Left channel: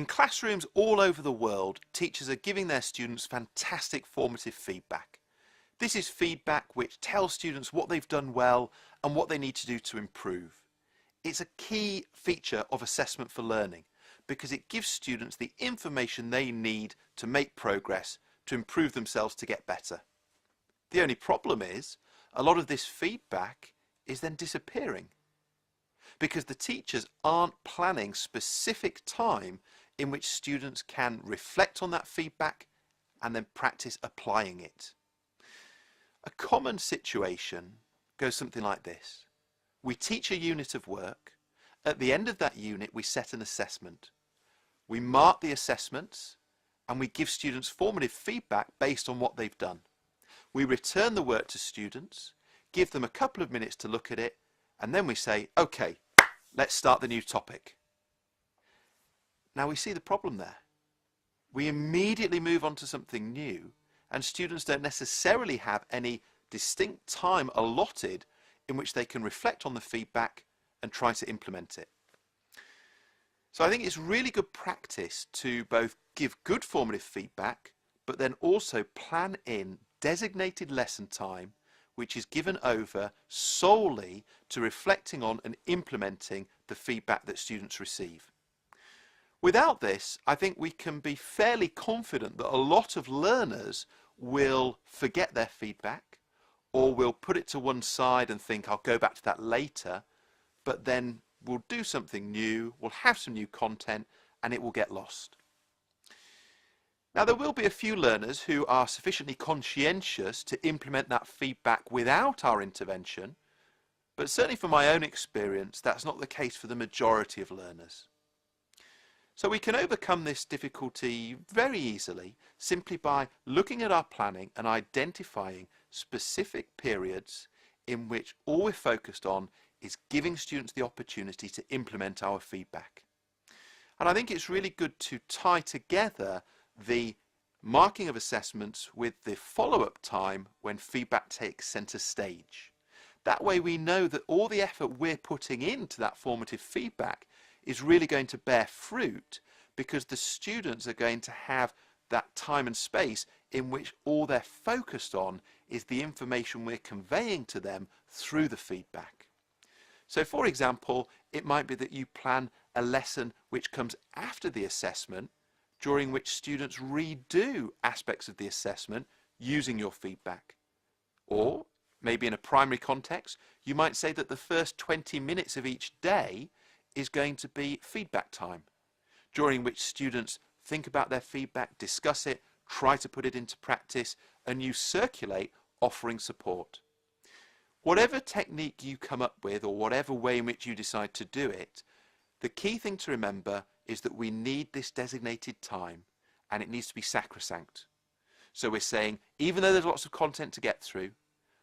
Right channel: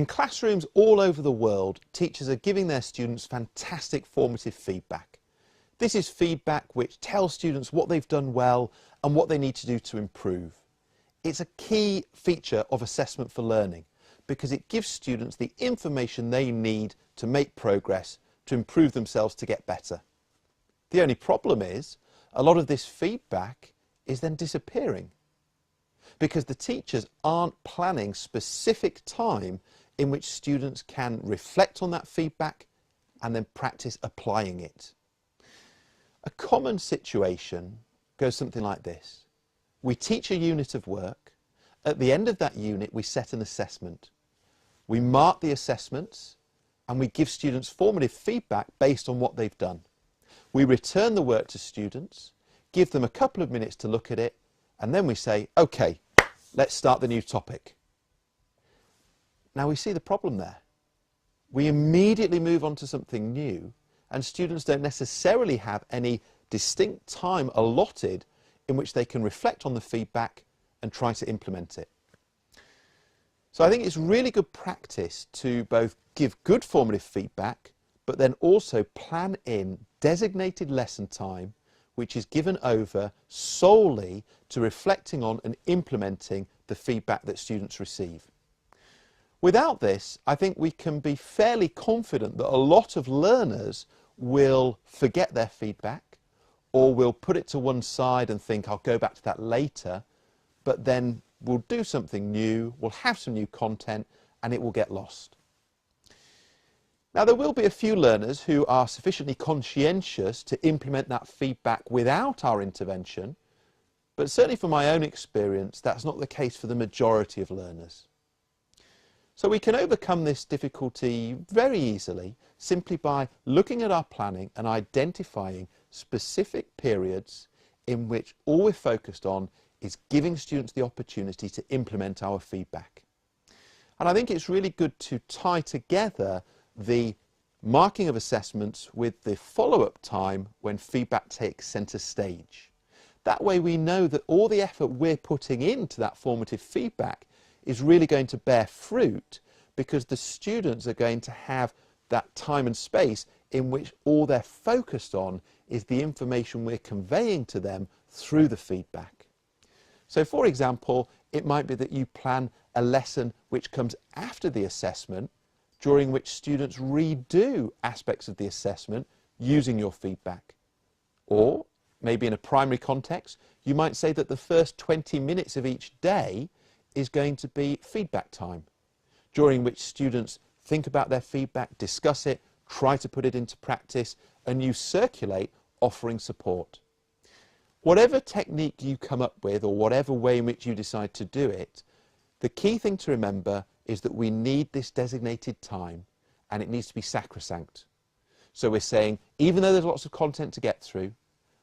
In classrooms all over the world, teachers are giving their students fantastic formative feedback. This is feedback which tells students what they've done well and what they need to do to improve. It's a key feature of assessment for learning because it gives students the information they need to make progress, to improve themselves, to get better. The only problem is a lot of this feedback is then disappearing because the teachers aren't planning specific time in which students can reflect on that feedback and then practice applying it. A common situation goes something like this. We teach a unit of work. At the end of that unit, we set an assessment. We mark the assessments and we give students formative feedback based on what they've done. We return the work to students, give them a couple of minutes to look at it, and then we say, okay, let's start the new topic. Now we see the problem there. We immediately move on to something new and students don't necessarily have any distinct time allotted in which they can reflect on the feedback and try to implement it. So I think it's really good practice to both give good formative feedback but then also plan in designated lesson time which is given over solely to reflecting on and implementing the feedback that students receive. Without this, I think we can be fairly confident that a lot of learners will forget their feedback or will put it to one side and think, I'll go back to that later, but then we'll do something new, we'll have some new content, and it will get lost. Now, there will be a few learners who are sufficiently conscientious to implement that feedback without our intervention, but certainly from my own experience, that's not the case for the majority of learners. So we can overcome this difficulty very easily simply by looking at our planning and identifying specific periods in which all we're focused on is giving students the opportunity to implement our feedback. And I think it's really good to tie together the marking of assessments with the follow-up time when feedback takes centre stage. That way we know that all the effort we're putting into that formative feedback is really going to bear fruit because the students are going to have that time and space in which all they're focused on is the information we're conveying to them through the feedback. So for example, it might be that you plan a lesson which comes after the assessment, during which students redo aspects of the assessment using your feedback. Or maybe in a primary context, you might say that the first 20 minutes of each day is going to be feedback time, during which students think about their feedback, discuss it, try to put it into practice, and you circulate offering support. Whatever technique you come up with or whatever way in which you decide to do it, the key thing to remember is that we need this designated time and it needs to be sacrosanct. So we're saying, even though there's lots of content to get through,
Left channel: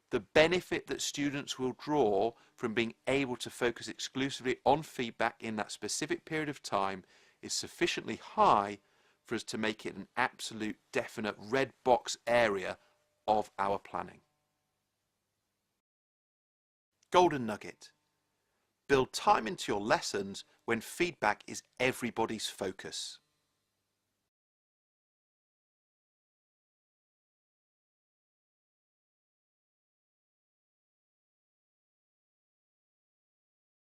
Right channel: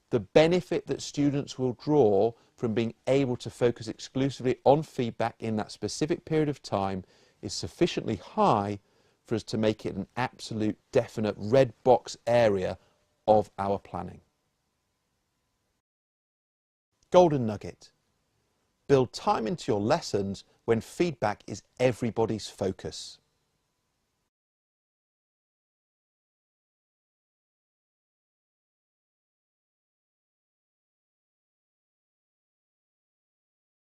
the benefit that students will draw from being able to focus exclusively on feedback in that specific period of time is sufficiently high for us to make it an absolute definite red box area of our planning. Golden nugget. Build time into your lessons when feedback is everybody's focus.